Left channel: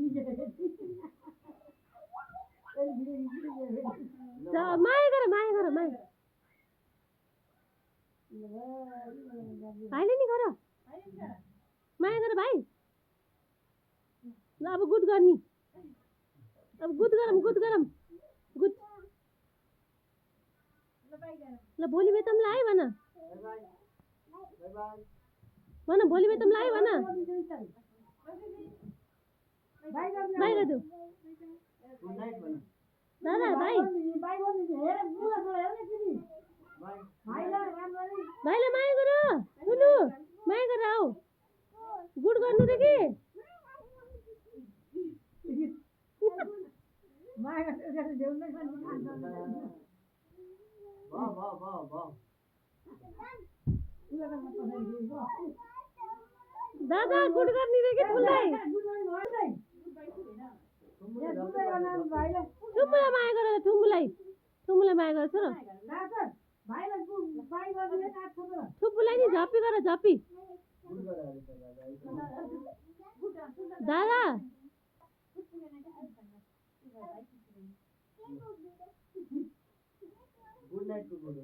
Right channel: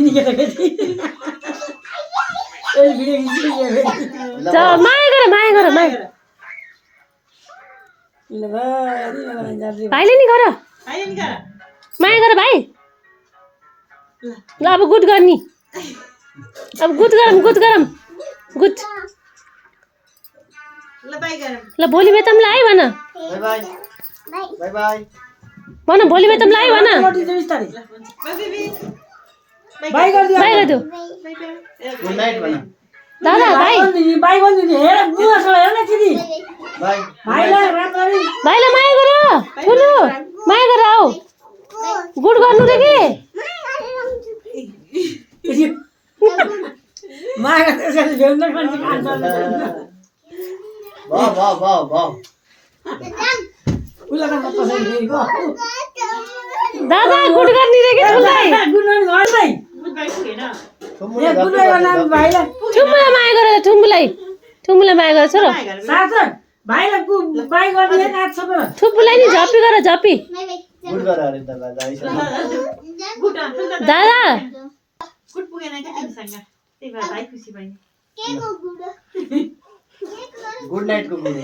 यिनी केटाकेटी ए भिडियो खिच्नु जा माया गर ल भाइ भाइले नि गर माया गर भाइ ल अब गुड गर्ने अब गुड गरम गुड ल भोलि बेतमलाई आइ भन बाई बाई भन भोलि बेतमलाई आइ भन बाइ गरिदियो गुड नाइट भन दादा भाइ बाइ गरिदियो हेर बुवासँग हेर न दिदी बाई भाइलाई रातभरि भाइलाई माया गर ठुलो माया गर आऊ गुड गर्नु रे के माया त्यसले भ्याउन पनि खान्छ वाह उलाका पछाडि गयो दादा गुड गर्ने रे के ठुलै गुड मर्निङ गर्दै ए गुड मर्निङ नाम भाइलाई ठुमुलाई माया गर ठुमुलाई माया गर छोरो साथै भाइलाई बाइ गरिदिए नाच छ त ठुपुलाई नि झपी गर झपी गुड गर अरे दादा दादा गुड पुगेन के तिमीसँग त्यही भएर भाइ खुसी भइन् गुड नाइट को गुड